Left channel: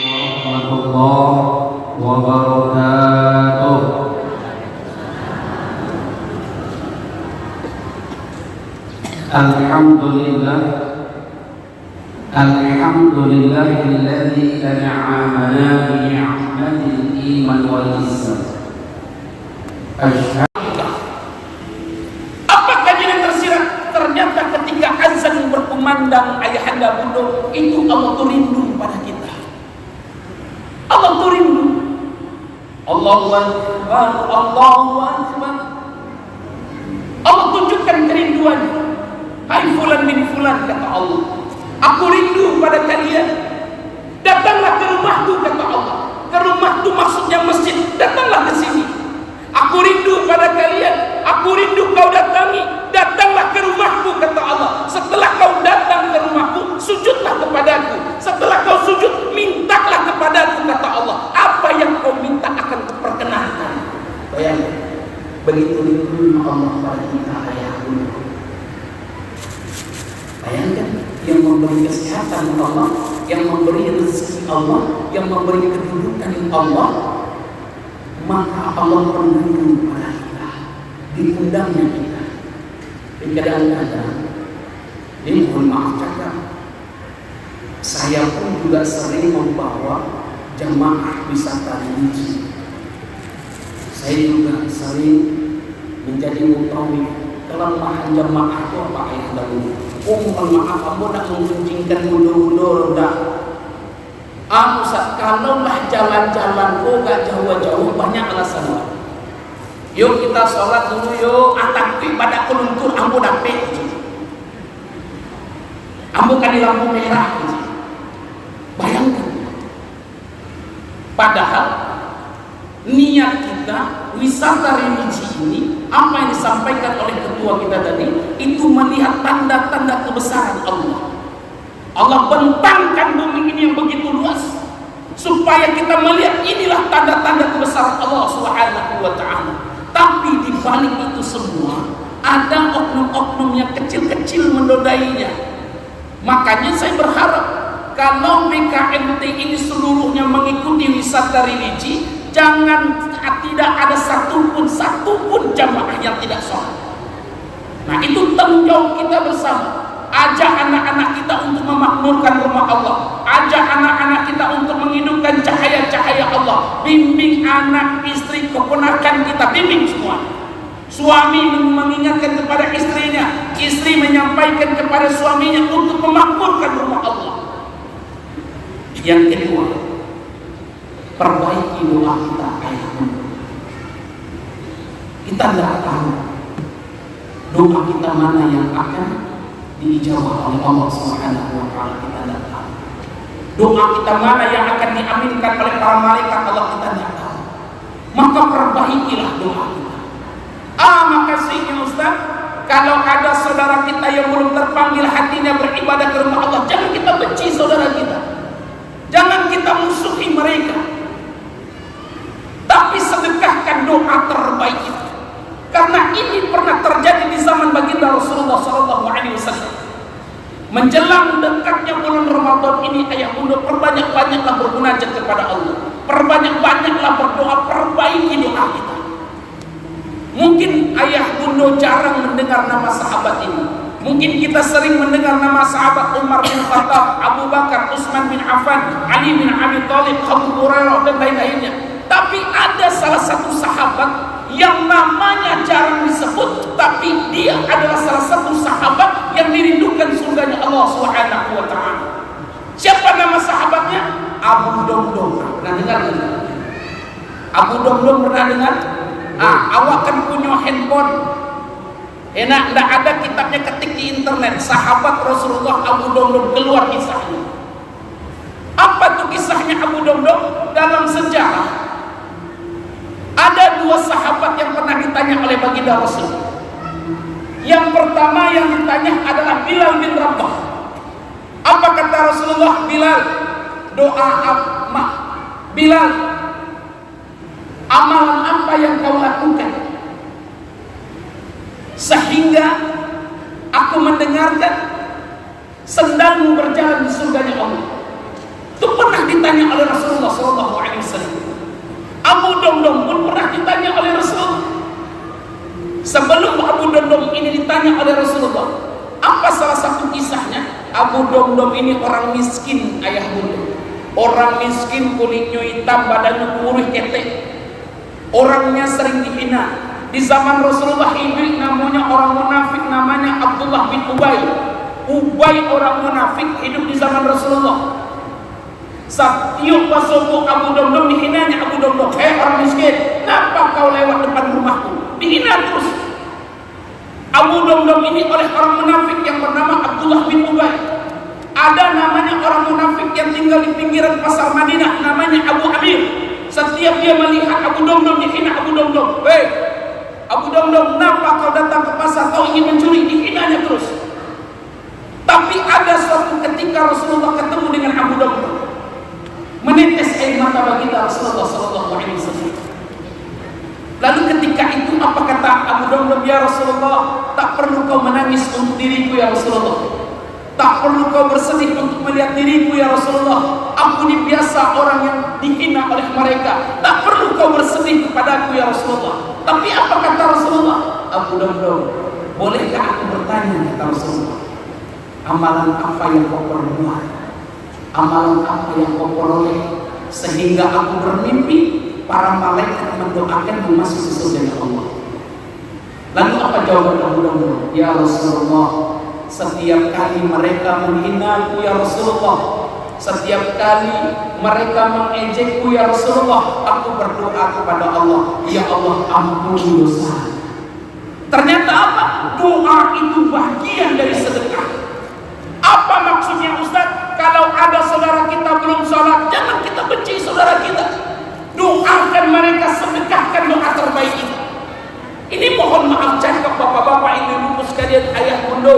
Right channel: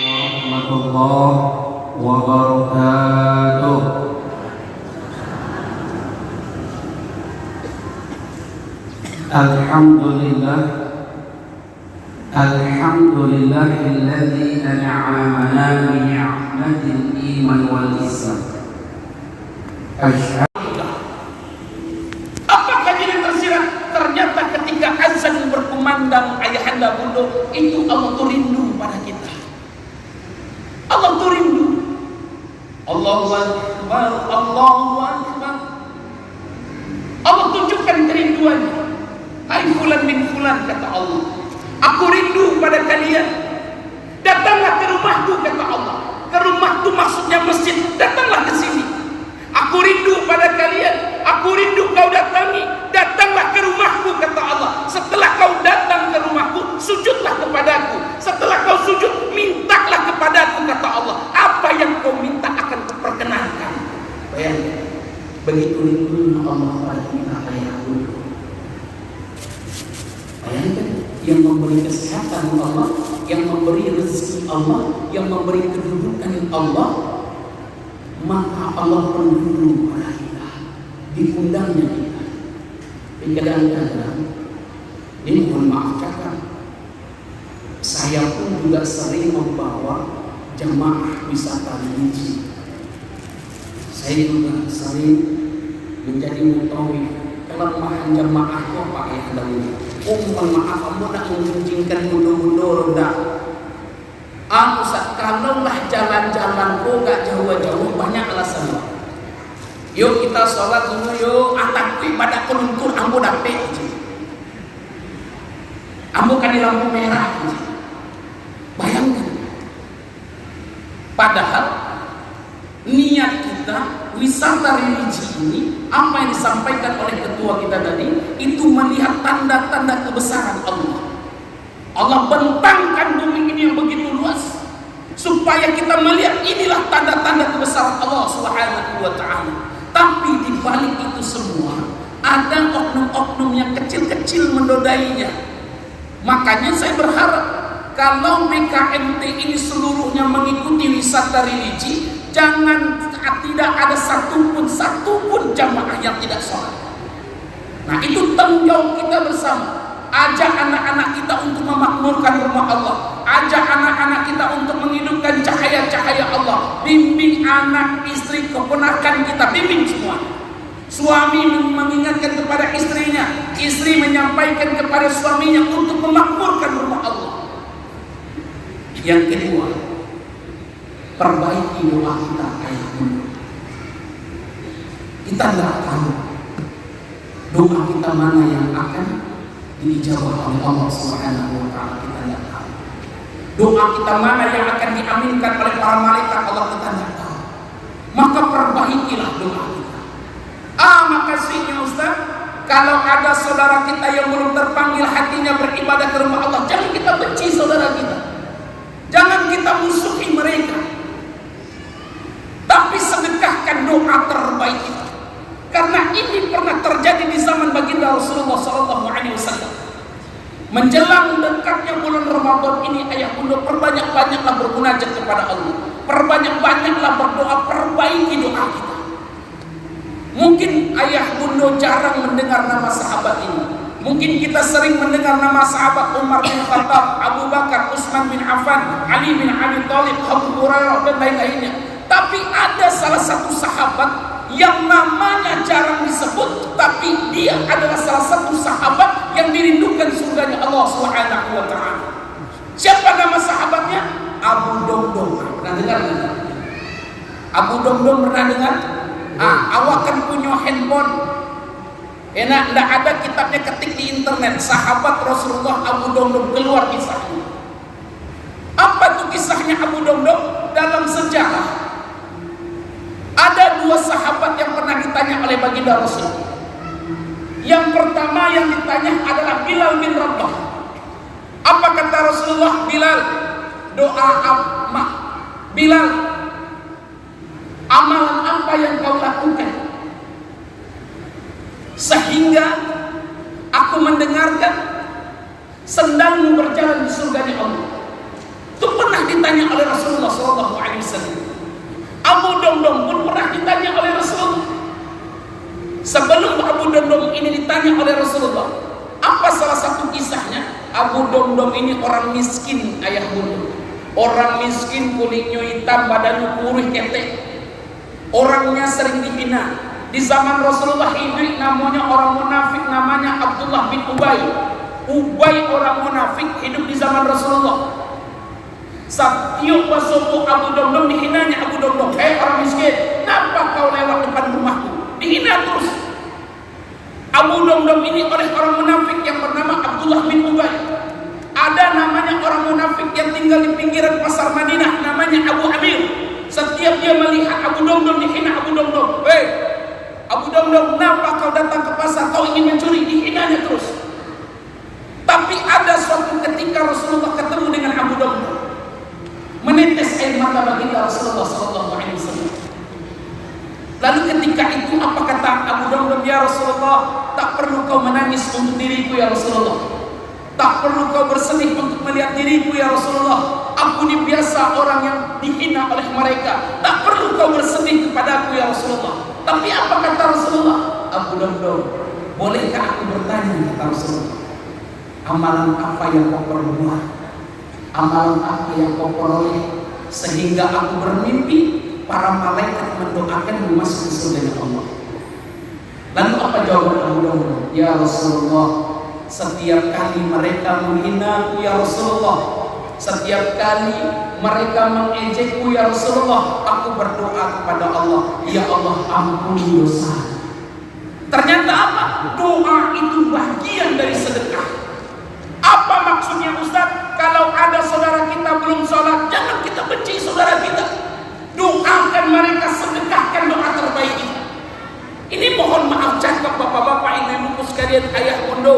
warahmatullahi wabarakatuh. Alhamdulillah, alhamdulillahilladzi an'amana bi ni'matil iman wal Islam. Apa kajian tersirat? Ternyata ketika azan berkumandang ayahanda bunda, itu Allah tuh rindu pada kita. Allah tuh rindu. Allahu Akbar, Allahu Akbar. Allah tunjukkan kerinduannya. Hai fulan bin fulan, kata Allah, aku rindu pada kalian. Datanglah ke rumahku, kata Allah. Ke rumahku maksudnya masjid. Datanglah ke sini. Aku rindu pada kalian. Aku rindu kau datangi. Datanglah ke rumahku, kata Allah. Setelah kau datang ke rumahku, sujudlah kepadaku. Setelah kau sujud, mintalah kepadaku, kata Allah. Apa yang kau minta akan kuperkenankan. Bayangkan, begitu rindunya Allah pada kita, ayah bunda. Bayangkan, yang memberi kesehatan Allah, yang memberi rezeki Allah, yang memberi kedudukan Allah, maka Allah rindu pada kita, diundangnya kita. Tapi kadang-kadang, ini mohon maaf cakap, saya pun juga sering membawa jamaah wisata religi. Saya juga sering menjadi mutawif. Kelemahan jamaah itu apa, ayah dahulu? Oh, mohon maaf, kamu nak menguncingkan mundur-mundur, dah. Ustaz, kalaulah jalan-jalan kok gak jauh-jauh, banyak alasan lah. Yuk kita sholat dulu yuk, takbir pada keluntur, ambo dapet. Ambo kan di lampu merah. Bayangkan. Padahal niat kita wisata religi ini, apa yang disampaikan oleh ketua kita tadi, itu melihat tanda-tanda kebesaran Allah. Allah bentangkan bumi ini yang begitu luas supaya kita melihat inilah tanda-tanda kebesaran Allah Subhanahu wa ta'ala. Tapi di balik itu semua ada oknum-oknum yang kecil-kecil menodainya. Makanya saya berharap kalau BKMT ini seluruhnya mengikuti wisata religi, jangan tidak ada satupun jamaah yang tidak sholat. Nah, itu tanggung jawab kita bersama. Ajak anak-anak kita untuk memakmurkan rumah Allah. Ajak anak-anak kita untuk menghidupkan cahaya-cahaya Allah. Bimbing anak, istri, keponakan kita, bimbing semua. Suami mengingatkan kepada istrinya, istri menyampaikan kepada suaminya untuk memakmurkan rumah Allah. Yang kedua, perbaiki doa kita, ayah bunda. Kita tidak tahu doa kita mana yang akan diijabah oleh Allah Subhanahu wa ta'ala, kita tidak tahu. Doa kita mana yang akan diaminkan oleh para malaikat Allah, kita tidak tahu. Maka perbaikilah doa kita. Makasihnya Ustaz, kalau ada saudara kita yang belum terpanggil hatinya beribadah ke rumah Allah, jangan kita benci saudara kita, jangan kita musuhi mereka, tapi sedekahkan doa terbaik itu. Karena ini pernah terjadi di zaman baginda Rasulullah SAW. Menjelang dekatnya bulan Ramadan ini, ayah bunda, perbanyak-banyaklah bermunajat kepada Allah, perbanyak-banyaklah berdoa, perbaiki doa kita. Mungkin ayah bunda jarang mendengar nama sahabat ini. Mungkin kita sering mendengar nama sahabat Umar bin Khattab, Abu Bakar, Utsman bin Affan, Ali bin Abi Thalib, Abu Hurairah, dan lain-lainnya. Tapi ada salah satu sahabat yang namanya jarang disebut, tapi dia adalah salah satu sahabat yang dirindukan surganya Allah Subhanahu wa ta'ala. Siapa nama sahabatnya? Abu Domdom. Pernah dengar enggak? Abu Domdom pernah dengar? Awak kan punya handphone. Enak, enggak ada kitabnya, ketik di internet. Sahabat Rasulullah Abu Domdom, keluar kisahnya. Apa tuh kisahnya Abu Domdom? Dalam sejarah ada dua sahabat yang pernah ditanya oleh baginda Rasul. Yang pertama yang ditanya adalah Bilal bin Rabah. Apa kata Rasulullah? Bilal, doa apa? Bilal, amalan apa yang kau lakukan sehingga aku mendengarkan sendalmu berjalan di surganya Allah? itu pernah ditanya oleh Rasulullah SAW. Abu Domdom pun pernah ditanya oleh Rasulullah. Sebelum Abu Domdom ini ditanya oleh Rasulullah, apa salah satu kisahnya? Abu Domdom ini orang miskin, ayah bunda. Orang miskin, kulitnya hitam, badannya kurus ketek. Orangnya sering dihina. Di zaman Rasulullah hidup namanya orang munafik, namanya Abdullah bin Ubay. Ubay orang munafik hidup di zaman Rasulullah. Setiap masuk Abu Domdom dihinanya Abu Domdom. Hei orang miskin, kenapa kau lewat depan rumahku? Dihina terus. Abu Domdom ini oleh orang munafik yang bernama Abdullah bin Ubay. Ada namanya orang munafik yang tinggal di pinggiran pasar Madinah, namanya Abu Amir. Setiap dia melihat Abu Domdom dihina Abu Domdom. Hei Abu Domdom, kenapa kau datang ke pasar? Kau ingin mencuri? Dihinanya terus. Tapi ada suatu ketika Rasulullah ketemu dengan Abu Domdom, menetes air mata baginda Rasulullah SAW. Lalu ketika itu apa kata Abu Domdom? Ya Rasulullah, tak perlu kau menangis untuk diriku ya Rasulullah. Tak perlu kau bersedih untuk melihat diriku ya Rasulullah. Aku ini biasa orang yang dihina oleh mereka. Tak perlu kau bersedih kepadaku ya Rasulullah. Tapi apa kata Rasulullah? Abu Domdom, bolehkah aku bertanya, kata Rasulullah, amalan apa yang kau perbuat? Amalan apa yang kau peroleh sehingga aku bermimpi para malaikat mendoakan masuk ke surga Allah? Lalu apa jawaban Abu Domdom? Ya Rasulullah, setiap kali mereka menghinaku ya Rasulullah, setiap kali mereka mengejekku ya Rasulullah, aku berdoa kepada Allah, ya Allah ampuni dosa. Ternyata apa? Doa itu bagian dari sedekah. Apa maksudnya Ustaz? Kalau ada saudara kita belum sholat, jangan kita benci saudara kita. Doakan mereka, sedekahkan doa terbaik kita. Ini mohon maaf cakap bapak-bapak, ibu-ibu sekalian, ayah bunda.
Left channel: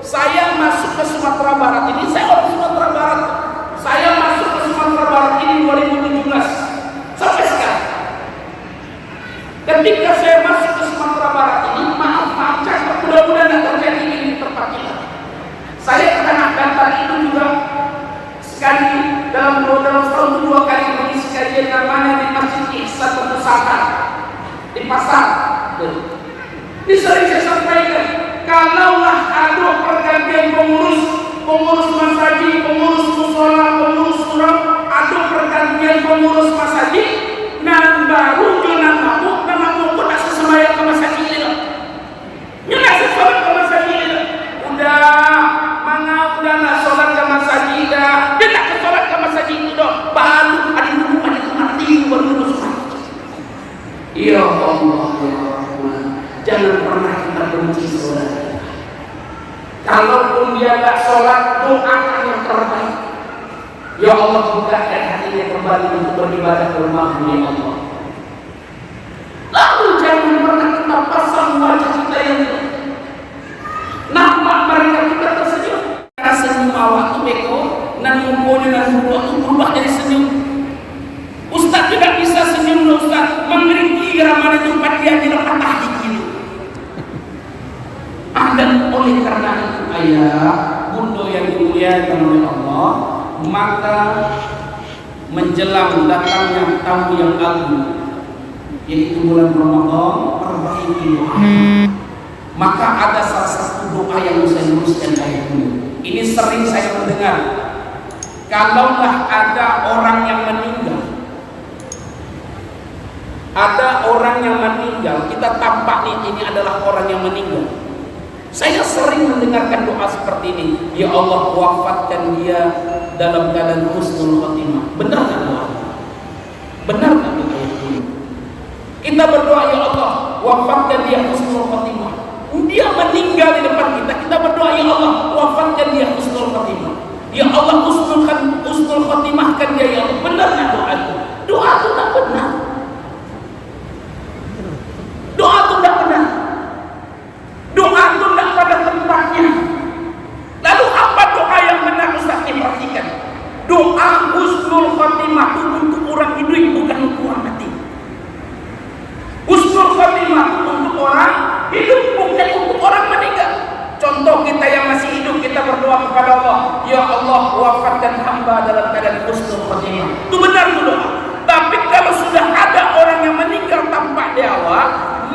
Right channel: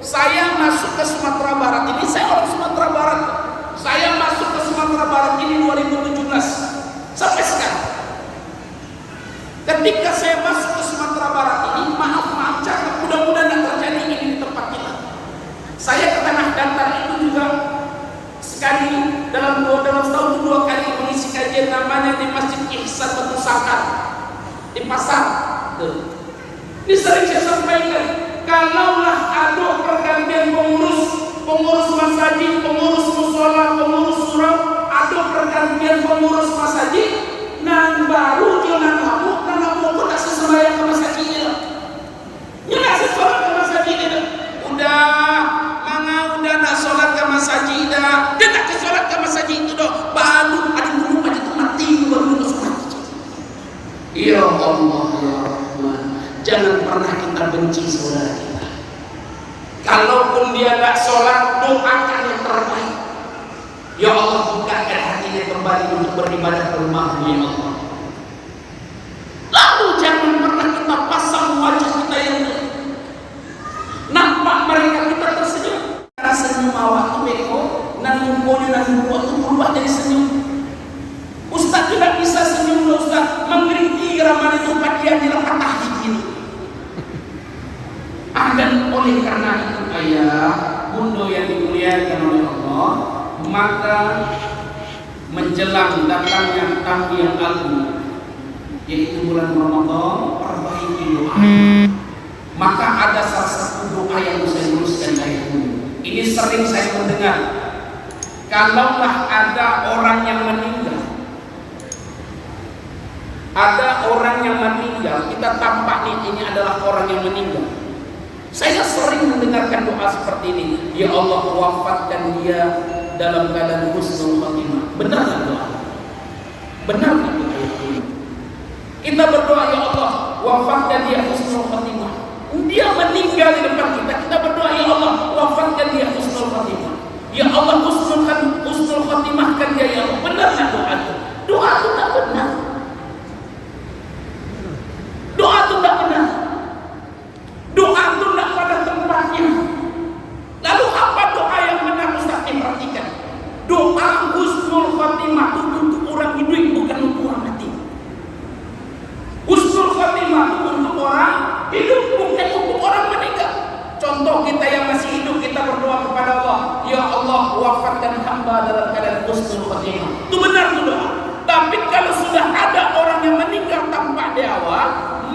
Saya masuk ke Sumatera Barat ini, saya orang Sumatera Barat. Saya masuk ke Sumatera Barat ini 2017 sampai sekarang. Ketika saya masuk ke Sumatera Barat ini, maaf cakap, mudah-mudahan tidak terjadi ini di tempat kita. Saya ke Tanah Datar itu juga sekali dalam setahun 2 kali mengisi kajian namanya di Masjid Ihsan Batu Sangkar di pasar. Ini sering saya sampaikan, kalaulah ada pergantian pengurus masjid, pengurus musola, pengurus surau, ada pergantian pengurus masjid, nan baru jangan kamu tak sesuai ke masjid ini. Jangan sesuai ke masjid ini. Udah nak solat ke masjid dah. Dia nak ke solat ke masjid itu dah. Baru ada dulu ada mati baru solat. Ya Allah ya Rahman, jangan pernah kita benci saudara kita. Kalaupun dia tak solat, doakan yang terbaik. Ya Allah, bukakan hatinya kembali untuk beribadah ke rumah-Mu ya Allah. Lalu jangan pernah kita pasang wajah kita yang nampak mereka kita tersenyum. Karena senyum awak itu beko, nan mumpunya dan mumpunya itu berubah jadi senyum. Ustaz tidak bisa senyum, Ustaz mengeriki ramai itu dia tidak patah gigi. Dan oleh karena itu ayah bunda yang dimuliakan oleh Allah, maka menjelang datangnya tamu yang agung, yaitu bulan Ramadan, perbaiki doa. Maka ada salah satu doa yang saya tuliskan ayah bunda. Ini sering saya mendengar. Kalaulah ada orang yang meninggal, kita tampak nih ini adalah orang yang meninggal. Saya sering mendengarkan doa seperti ini. Ya Allah, wafatkan dia dalam keadaan husnul khatimah. Benar tak doa? Benar tak doa? Kita berdoa, ya Allah, wafatkan dia husnul khatimah. Dia meninggal di depan kita. Kita berdoa, ya Allah, wafatkan dia husnul khatimah. Ya Allah, husnul khatimahkan dia, ya Allah. Benar tak doa itu? Doa itu tak benar. Doa itu tak benar. Doa itu tidak pada tempatnya. Lalu apa doa yang benar Ustaz? Perhatikan. Doa husnul khatimah itu untuk orang hidup, bukan untuk orang mati. Husnul khatimah itu untuk orang hidup, bukan untuk orang meninggal. Contoh kita yang masih hidup, kita berdoa kepada Allah, ya Allah, wafatkan hamba dalam keadaan husnul Itu benar dulu. Tapi kalau sudah ada orang yang meninggal tanpa nyawa,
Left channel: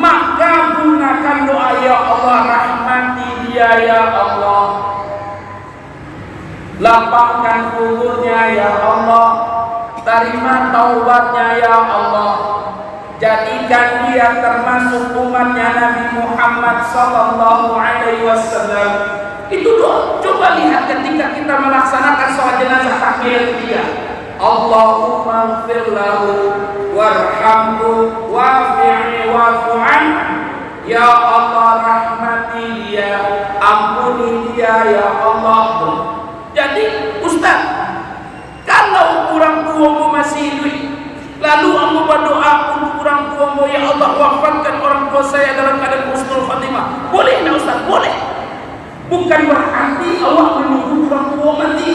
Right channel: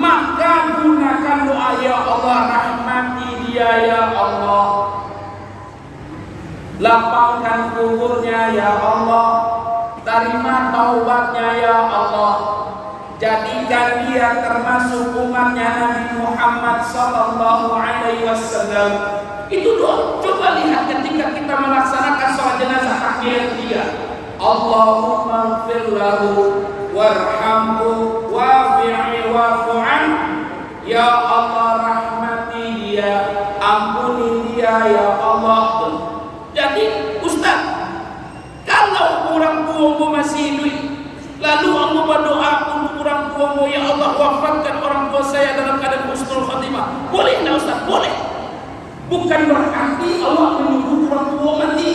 maka gunakan doa, ya Allah rahmati dia ya Allah, lapangkan kuburnya ya Allah, terima taubatnya ya Allah, jadikan dia termasuk umatnya Nabi Muhammad sallallahu alaihi wasallam. Itu doa. Coba lihat ketika kita melaksanakan sholat jenazah takmir dia, Allahumma ighfir lahu warhamhu wa'fihi wa'fu anhu, ya Allah rahmati dia, ampuni dia ya Allah. Jadi Ustaz, kalau orang tuamu masih hidup, lalu aku berdoa untuk orang tuamu, ya Allah wafatkan orang tua saya dalam keadaan husnul khatimah, boleh tak Ustaz? Boleh. Bukan berarti Allah menunggu orang tua mati.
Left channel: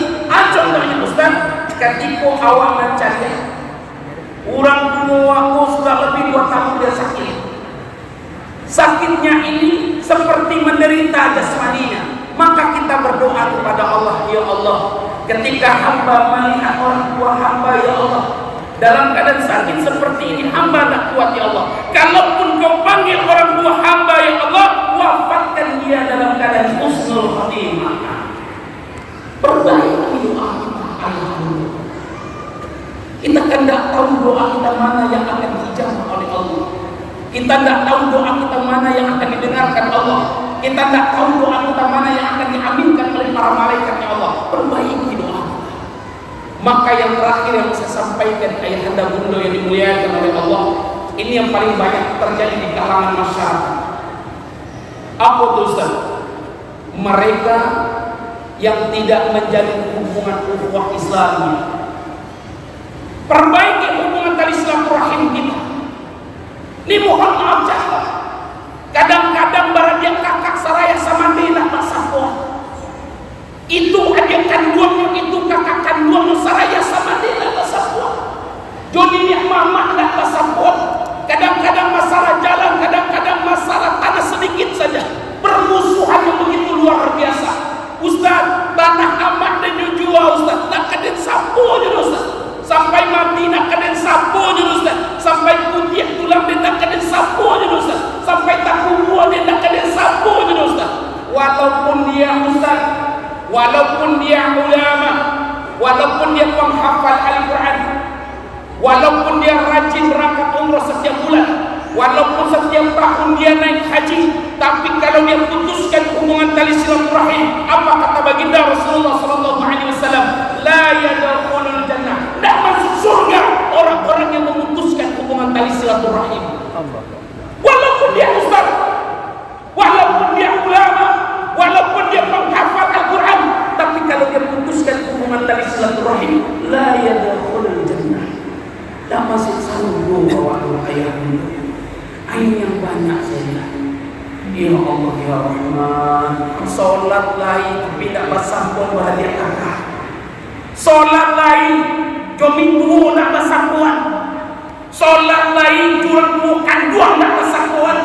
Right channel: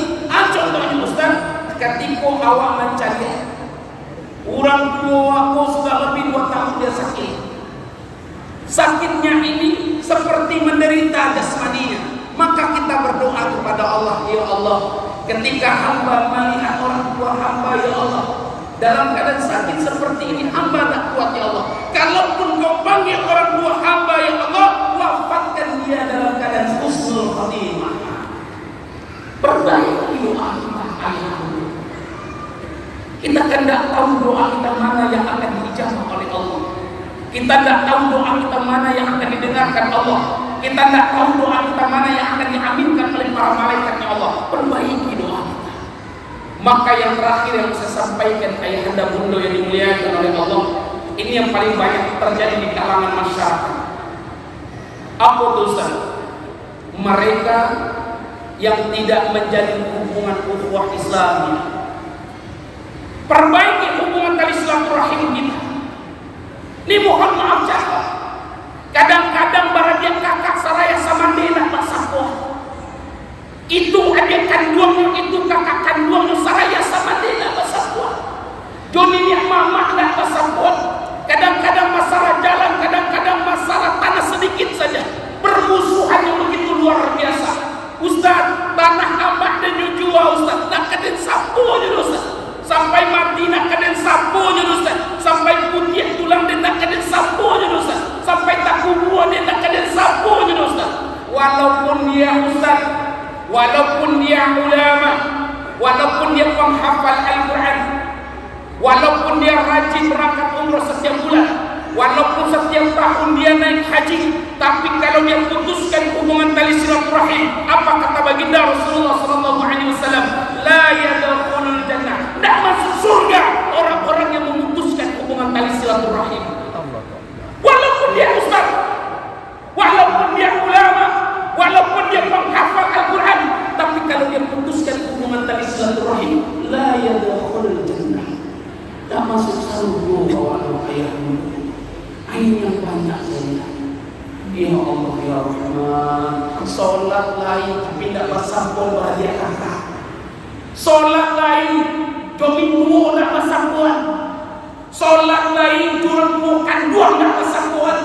Contohnya Ustaz, ketika awak mencari orang tua aku sudah lebih 2 tahun dia sakit. Sakitnya ini seperti menderita jasmaninya, maka kita berdoa kepada Allah, ya Allah, ketika hamba melihat orang tua hamba ya Allah dalam keadaan sakit seperti ini, hamba tak kuat ya Allah. Kalaupun kau panggil orang tua hamba ya Allah, wafatkan dia dalam keadaan husnul khatimah. Perbaiki doa kita, ayah. Kita kan tak tahu doa kita mana yang akan dijawab oleh Allah. Kita tak tahu doa kita mana yang akan didengarkan Allah. Kita tak tahu doa kita mana yang akan diaminkan oleh para malaikatnya Allah. Perbaiki doa kita. Maka yang terakhir yang saya sampaikan ayahanda bunda yang dimuliakan oleh Allah, ini yang paling banyak terjadi di kalangan masyarakat. Apa dosa? Mereka yang tidak menjalin hubungan ukhuwah Islamnya. Perbaiki hubungan tali silaturahim kita. Ini mohon maaf cakap. Kadang-kadang barang kakak saraya sama dia nak bersakuan. Itu adik kandungnya, itu kakak kandungnya saraya sama dia nak bersakuan. Joni ni mama nak bersakuan. Kadang-kadang masalah jalan, kadang-kadang masalah tanah sedikit saja. Permusuhan yang begitu luar biasa. Ustaz, tanah amat dan jual Ustaz. Nak kena sapu je Ustaz. Sampai mati nak kena sapu je Ustaz. Sampai putih tulang dia nak kena sapu je Ustaz. Sampai taku buah dia nak kena sapu je Ustaz. Walaupun dia Ustaz, walaupun dia ulama, walaupun dia penghafal Al-Quran, walaupun dia rajin berangkat umrah setiap bulan, walaupun setiap tahun dia naik haji, tapi kalau dia putuskan hubungan tali silaturahim, apa kata baginda Rasulullah sallallahu alaihi wasallam? La yadkhulul jannah. Tidak masuk surga orang-orang yang memutuskan hubungan tali silaturahim. Walaupun dia ustaz, walaupun dia ulama, walaupun dia penghafal Al-Quran, tapi kalau dia putuskan hubungan tali silaturahim, la yadkhulul jannah. Tak masuk surga bawa ayah dulu. Ain yang banyak saja. Ya Allah ya Rahman. Solat lain tapi tak bersampun berhadiah kakak. Solat lain jomin tua nak bersapuan. Solat lain curang tua kanduang nak bersapuan.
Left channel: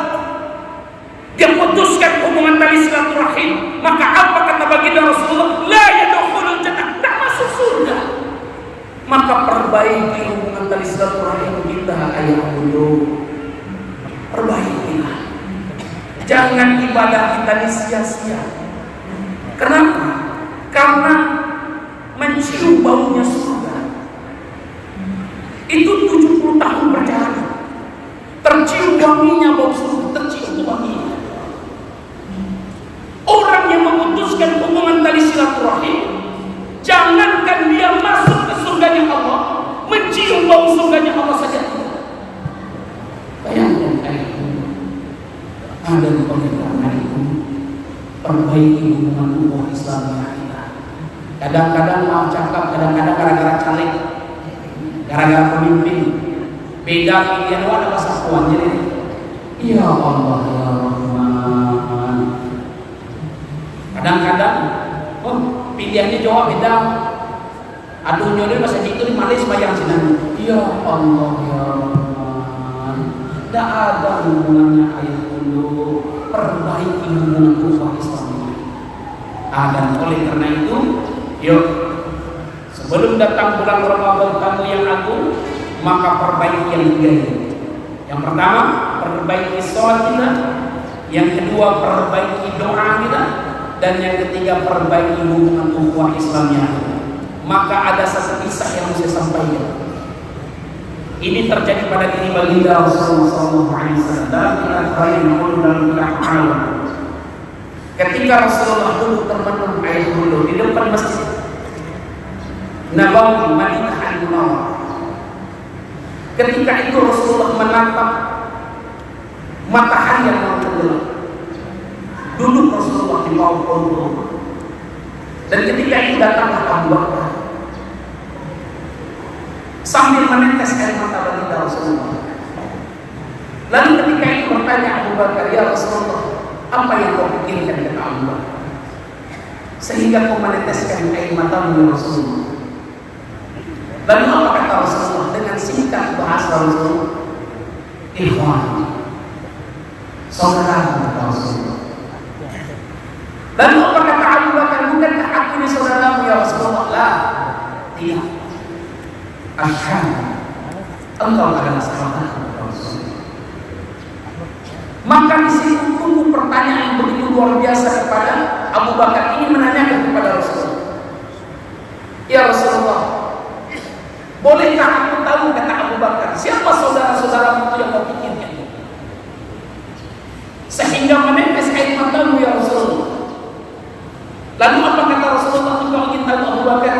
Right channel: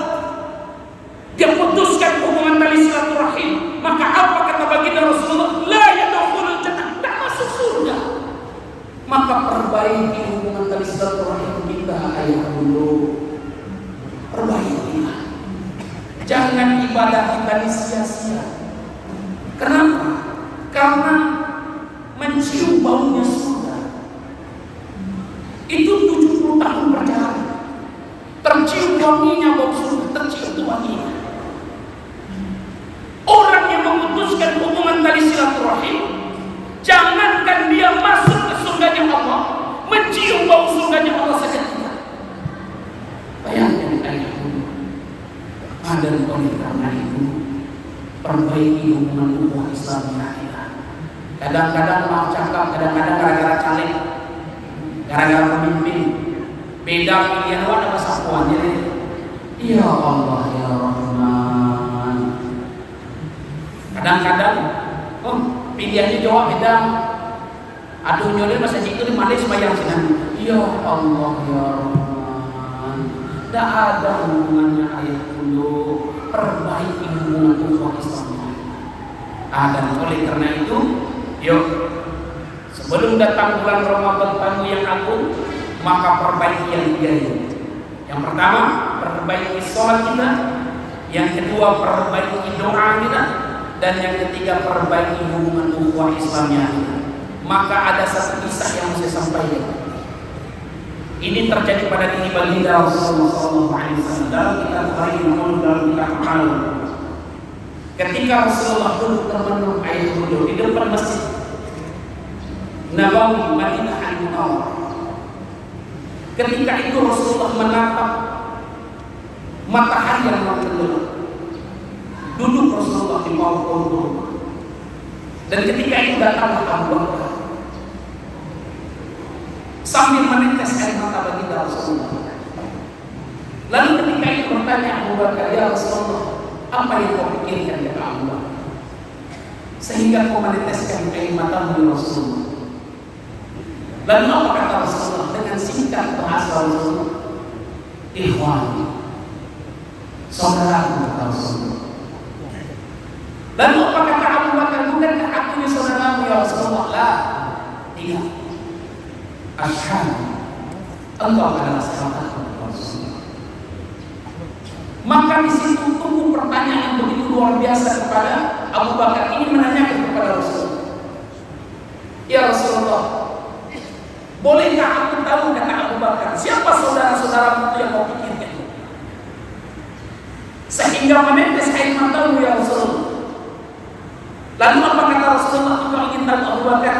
Dia putuskan hubungan tali silaturahim, maka apa kata baginda Rasulullah? La yadkhulul jannah, tak masuk surga. Maka perbaiki hubungan tali silaturahim kita ayah dulu. Perbaikilah. Jangan ibadah kita sia-sia. Kenapa? Karena mencium baunya surga. Itu 70 tahun perjalanan. Tercium wanginya bau surga, tercium itu wanginya. Orang yang memutuskan hubungan tali silaturahim, jangankan dia masuk ke surganya Allah, mencium bau surganya Allah saja tidak. Bayangkan ayahku, ada oleh karena itu perbaiki hubungan ukhuwah Islam kita. Kadang-kadang maaf cakap, kadang-kadang gara-gara caleg, gara-gara pemimpin, beda pilihan wana bahasa puan jadi. Ya Allah ya Rahman. Kadang-kadang pilihannya Jawa beda. Aduh nyonya bahasa itu di Malaysia bayang sinan. Ya Allah ya Rahman. Tak ada hubungannya ayah dulu. Perbaiki hubungan ukhuwah Islam. Dan oleh karena itu, yuk Sebelum datang bulan Ramadan tamu yang agung, maka perbaiki yang tiga ini. Yang pertama, perbaiki sholat kita. Yang kedua, perbaiki doa kita. Dan yang ketiga, perbaiki hubungan ukhuwah Islamnya kita. Maka ada satu kisah yang mau saya sampaikan. Ini terjadi pada diri baginda Rasulullah SAW dalam kitab dalam kitab Al-Awwal. Ketika Rasulullah duduk termenung air wudhu di depan masjid Nabawi Madinah Al-Munawwarah. Ketika itu Rasulullah menatap matahari yang mau tenggelam. Duduk Rasulullah di bawah pohon kurma. Dan ketika itu datanglah Abu Bakar sambil menetes air mata baginda Rasulullah. Lalu ketika itu bertanya Abu Bakar, "Ya Rasulullah, apa yang kau pikirkan?" kata Abu Bakar, "Sehingga kau meneteskan air matamu ya Rasulullah." Lalu apa kata Rasulullah dengan singkat bahasa Rasulullah? "Ikhwan, saudara," kata Rasulullah. Lalu apa kata Abu Bakar? "Bukankah aku ini saudaramu ya Rasulullah?" "Lah, tidak. Asyhadu engkau adalah sahabatku ya Rasulullah." Maka di situ tumbuh pertanyaan yang begitu luar biasa kepada Abu Bakar. Ini menanyakan kepada Rasulullah, "Ya Rasulullah, bolehkah aku tahu," kata Abu Bakar, "siapa saudara-saudaramu itu yang kau pikirkan sehingga menetes air matamu ya Rasulullah?" Lalu apa kata Rasulullah? "Engkau ingin tahu Abu Bakar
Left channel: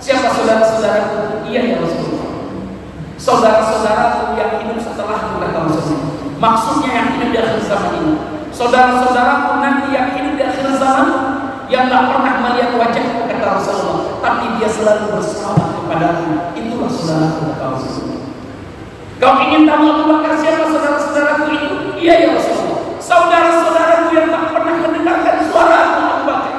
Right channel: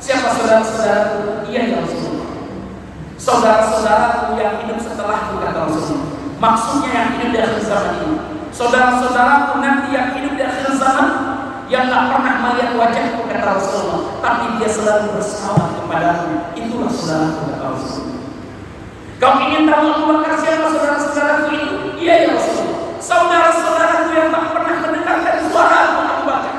siapa saudara-saudaraku?" "Iya ya Rasulullah, saudara-saudaraku yang hidup setelahku," kata Rasulullah. Maksudnya yang hidup di akhir zaman ini. Saudara-saudaraku nanti yang hidup di akhir zaman, yang tak pernah melihat wajahku, kata Rasulullah, tapi dia selalu bersalawat kepadaku. Itulah saudaraku, kata Rasulullah. Kau ingin tahu Abu Bakar siapa saudara-saudaraku itu? Iya ya Rasulullah, saudara-saudaraku yang tak pernah mendengarkan suaraku Abu Bakar.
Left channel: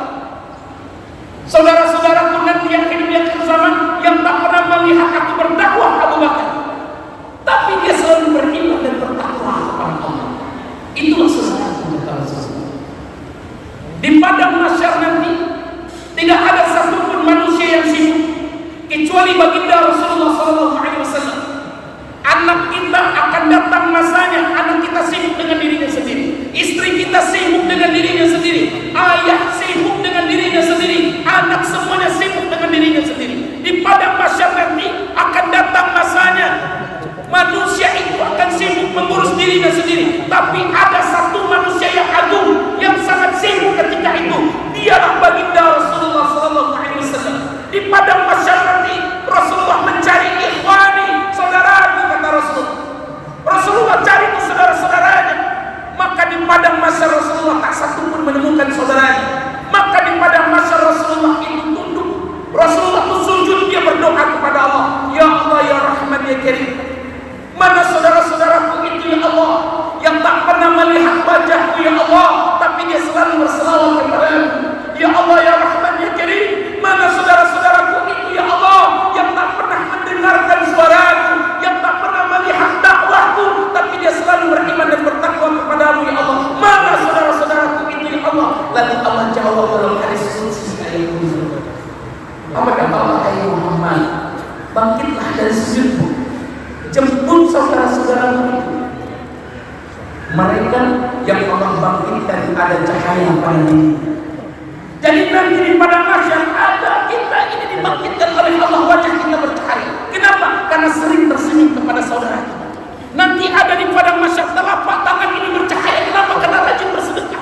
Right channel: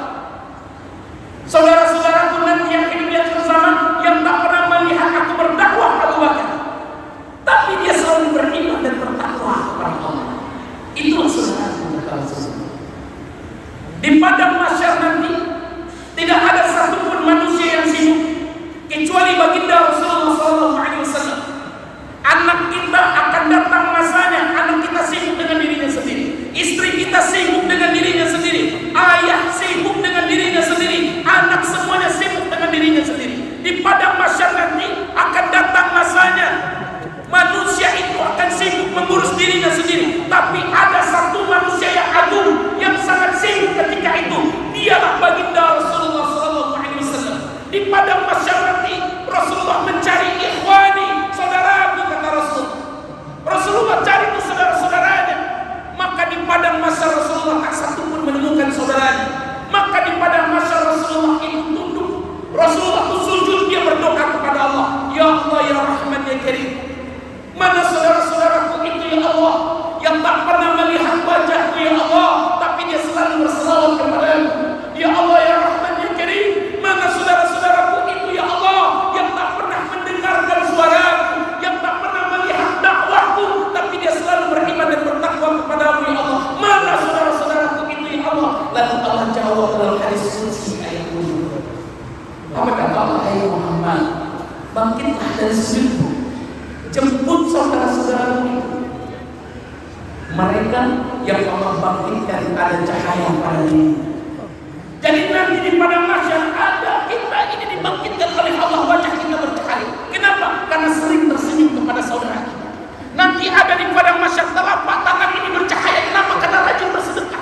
Saudara-saudaraku nanti yang hidup di akhir zaman, yang tak pernah melihat aku berdakwah Abu Bakar, tapi dia selalu beriman dan bertakwa kepada Allah. Itulah saudaraku, kata Rasulullah. Di padang mahsyar nanti tidak ada satupun manusia yang sibuk kecuali baginda Rasulullah SAW. Anak kita akan datang masanya, anak kita sibuk dengan dirinya sendiri, istri kita sibuk dengan dirinya sendiri, ayah sibuk dengan dirinya sendiri, anak semuanya sibuk dengan dirinya sendiri. Di padang mahsyar nanti akan datang masanya, manusia itu akan sibuk mengurus dirinya sendiri, tapi ada satu manusia yang agung yang sangat sibuk ketika itu. Dialah baginda Rasulullah SAW. Di padang mahsyar nanti Rasulullah mencari ikhwani, saudaraku, kata Rasulullah. Rasulullah cari itu saudara-saudaranya. Maka di padang mahsyar Rasulullah tak satu pun menemukan saudaranya. Maka di padang mahsyar Rasulullah itu tunduk. Rasulullah itu sujud, dia berdoa kepada Allah, "Ya Allah, ya Rahman, ya Karim, mana saudara-saudaraku itu ya Allah, yang tak pernah melihat wajahku ya Allah, tapi dia selalu berselawat kepadamu. Ya Allah, ya Rahman, ya Karim, mana saudara-saudaraku itu ya Allah, yang tak pernah mendengarkan suaraku, yang tak pernah melihat dakwahku, tapi dia selalu beriman dan bertakwa kepadamu ya Allah. Mana saudara-saudaraku itu ya Allah?" Lalu Allah jawab dalam hadis qudsi ayat ini. Apa kata Allah? "Hai Muhammad, bangkitlah dari sujudmu, jemput saudara-saudaramu itu. Mereka yang Allah bangkitkan ada cahaya pada dirinya." Jadi nanti di padang mahsyar ada kita ini dibangkitkan oleh Allah, wajah kita bercahaya. Kenapa? Karena sering tersenyum kepada saudara kita. Nanti ada di padang mahsyar telapak tangan ini bercahaya. Kenapa? Karena rajin bersedekah.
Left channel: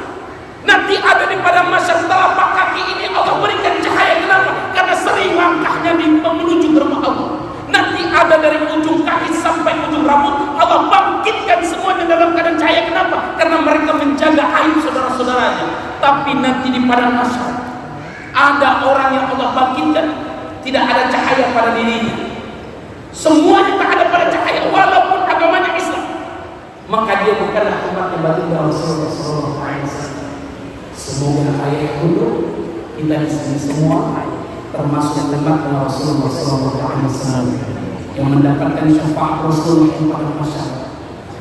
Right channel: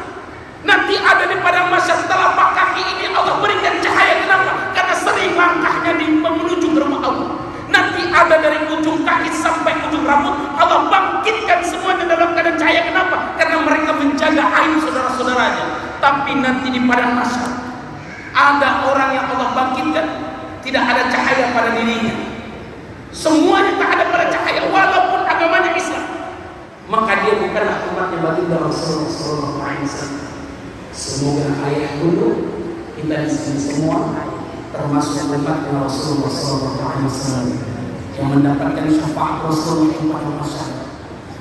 Nanti ada di padang mahsyar telapak kaki ini Allah berikan cahaya. Kenapa? Karena sering langkahnya menuju ke rumah Allah. Nanti ada dari ujung kaki sampai ujung rambut, Allah bangkitkan semuanya dalam keadaan cahaya. Kenapa? Karena mereka menjaga aib saudara-saudaranya. Tapi nanti di padang mahsyar ada orang yang Allah bangkitkan tidak ada cahaya pada dirinya. Semuanya tak ada pada cahaya walaupun agamanya Islam. Maka dia bukanlah umatnya baginda Rasulullah SAW. Semoga ayah dulu kita di sini semua termasuk umatnya Rasulullah SAW yang mendapatkan syafaat Rasulullah pada masyarakat,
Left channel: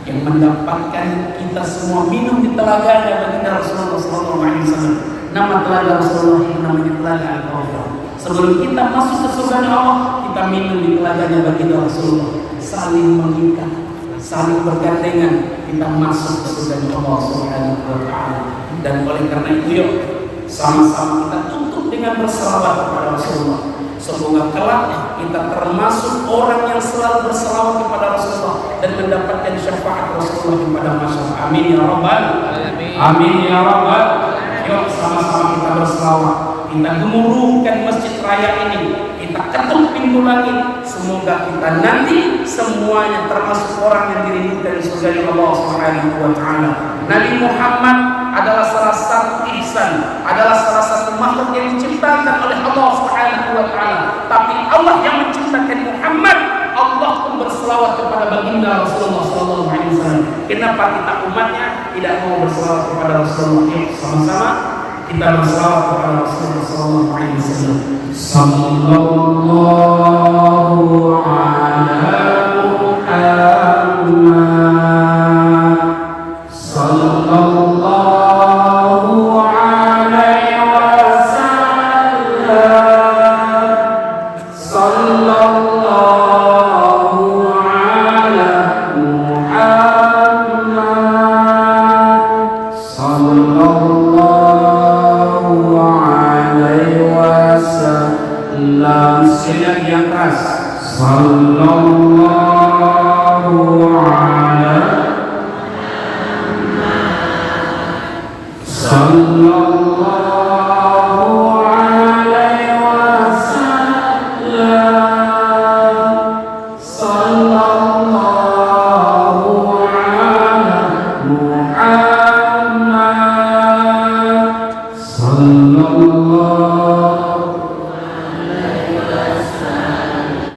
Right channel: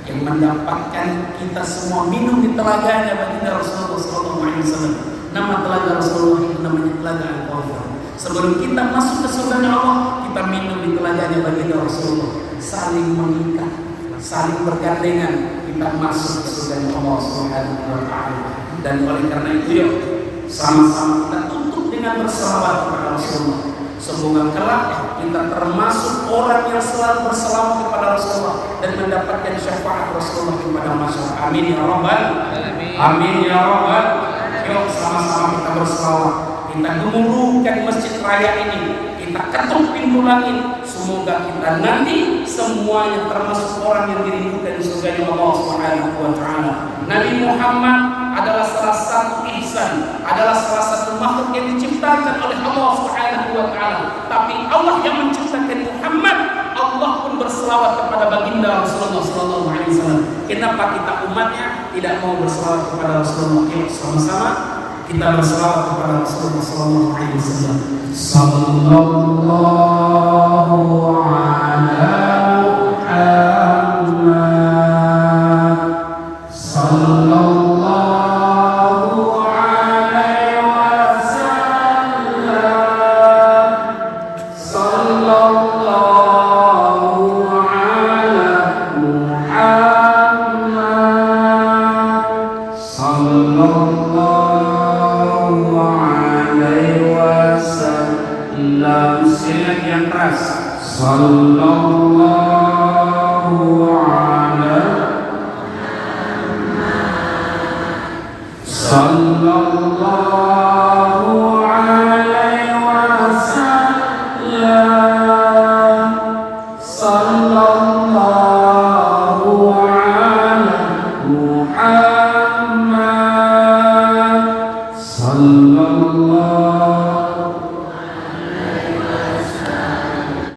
yang mendapatkan kita semua minum di telaganya baginda Rasulullah SAW. Nama telaga Rasulullah itu namanya telaga Al-Kawthar. Sebelum kita masuk ke surga Allah, kita minum di teladannya baginda Rasulullah. Saling mengikat, saling bergandengan, kita masuk ke surga Allah Subhanahu wa taala. Dan oleh karena itu yuk sama-sama kita tutup dengan berselawat kepada Rasulullah. Semoga kelak kita termasuk orang yang selalu berselawat kepada Rasulullah dan mendapatkan syafaat Rasulullah kepada masyarakat. Amin ya rabbal alamin. Amin ya rabbal. Yuk sama-sama kita berselawat. Kita gemuruhkan masjid raya ini. Kita ketuk pintu langit. Semoga kita nanti semuanya termasuk orang yang dirindukan surga Allah Subhanahu wa taala. Nabi Muhammad adalah salah satu ihsan, adalah salah satu makhluk yang diciptakan oleh Allah Subhanahu wa taala. Tapi Allah yang menciptakan Muhammad, Allah pun berselawat kepada baginda Rasulullah sallallahu alaihi wasallam. Kenapa kita umatnya tidak mau berselawat kepada Rasulullah? Yuk sama-sama kita berselawat kepada Rasulullah sallallahu alaihi wasallam. Sallallahu ala Muhammad. Sallallahu alaihi wasallam. Sallallahu ala Muhammad. Sallallahu alaihi wasallam. Sekali lagi yang keras. Sallallahu